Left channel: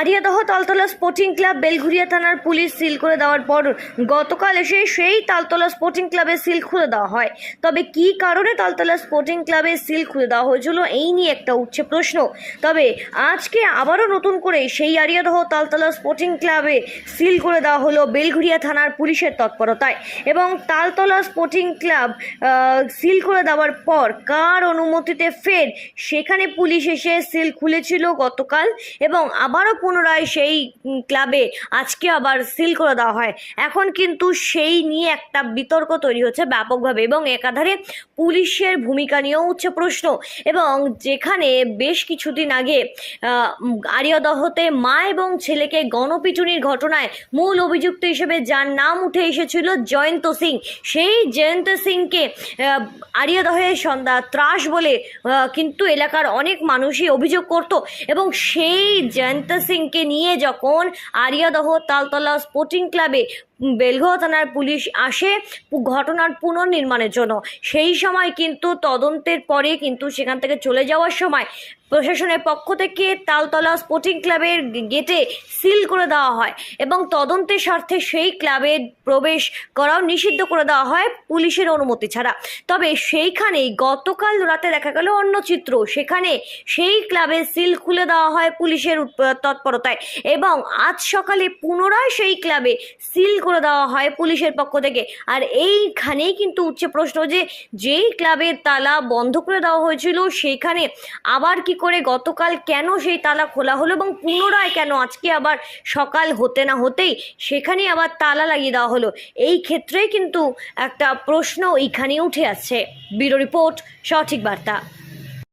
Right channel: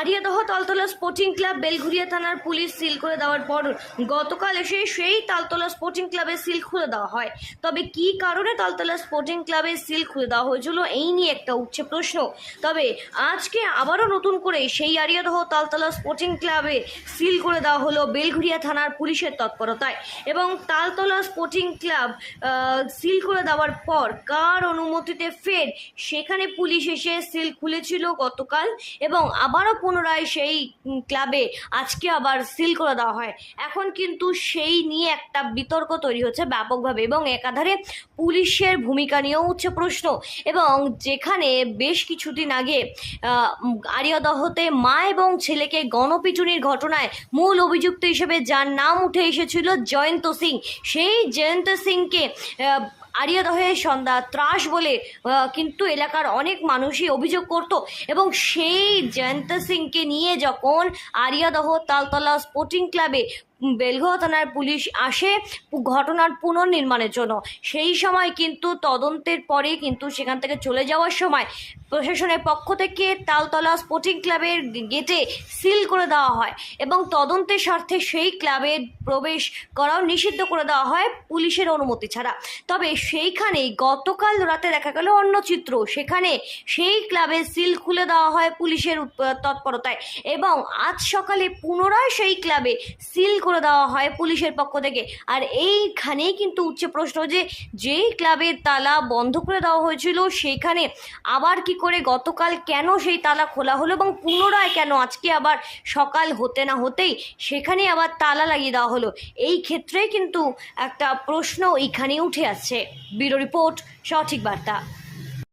Ariadaha Taltala sporting club Belgharia থানার police seal করে দেওয়ার পর গতকাল এসে সেই তালতলা স্পোর্টিং ক্লাবের সিল খুলে দেওয়া হয়। তবে কি কারণে তালতলা স্পোর্টিং ক্লাবের সিল খুলে দেওয়া হয়েছিল এই নিয়ে একটা উঠছে প্রশ্ন। তবে আজকে আবারও নতুন করে সেই আরিয়াদহ তালতলা স্পোর্টিং ক্লাবে সিল করে দেওয়া হলো বেলঘুরিয়া থানার পুলিশের তৎপরতায়। এবং তালতলা স্পোর্টিং ক্লাব সিল করে দেওয়ার পর কার অনুমতিতে ফের সেখানে পুলিশ এসে সিল খুলেছিল গতকাল, এবং আবারও পুনরায় সেই ক্লাবে আজকে আবার সিল করে দেওয়া হয়। এখন কিন্তু সেই নিয়ে একটা বিতর্ক তৈরি হচ্ছে ব্যাপকভাবে, এবং একাধারে পুলিশের ভূমিকা নিয়েও উঠছে প্রশ্ন। এবং যেখানে বেশ কিছুদিন আগে আরিয়াদহতে মা এবং ছেলেকে গণপিটুনির ঘটনায় মূল অভিযুক্ত হিসেবে যার নাম উঠে এসেছিল জয়ন্ত সিং, সেই জয়ন্ত সিংকে আরিয়াদহে সন্ধ্যা ত্রাস বলে কিন্তু এলাকার অনেক মানুষই অভিযোগ করত। এবং সেই জয়ন্ত সিংকে নিয়ে যখন আরিয়াদহ তালতলা স্পোর্টিং ক্লাবে বেলঘরিয়া থানার পুলিশ আসে ঘটনার পুনর্নির্মাণের জন্য, সেই সময় কিন্তু তদন্তের পরে কিন্তু সেখান থেকে চলে যাওয়ার সময় প্রশাসনের পক্ষ থেকে তালতলা স্পোর্টিং ক্লাবের গেটে সিল করে দেওয়া হয় এবং তদন্তের স্বার্থে সেই ক্লাবে প্রবেশ করাও নিষিদ্ধ করে দেওয়া হয় পুলিশের অনুমতি ছাড়া। তবে সেইখানেই গতকাল রাতে দেখা গেল অন্য চিত্র, সেখানে সেই ক্লাবে সিল খুলে দেওয়া হয় পুলিশের তৎপরতায়, এবং আজ সকালে পুনরায় সেই ক্লাবে সিল করে দেওয়া হয় পুলিশের পক্ষ থেকে। আর এইখানেই কিন্তু উঠছে প্রশ্ন যে যেই ক্লাবের তালা বন্ধ করে দেওয়া হয়েছিল সেখানে আবার কি করে গতকাল কেন সেই তালা খোলা হলো, এবং পুনরায় কেন আজকে আবার সকাল হতে না হতেই সেখানে আবার তালা লাগিয়ে দেওয়া হলো। এই ক্ষেত্রে কিন্তু একটা প্রশ্ন এইখানে উঠে আসছে। ব্যুরো রিপোর্ট, সঠিক বার্তা।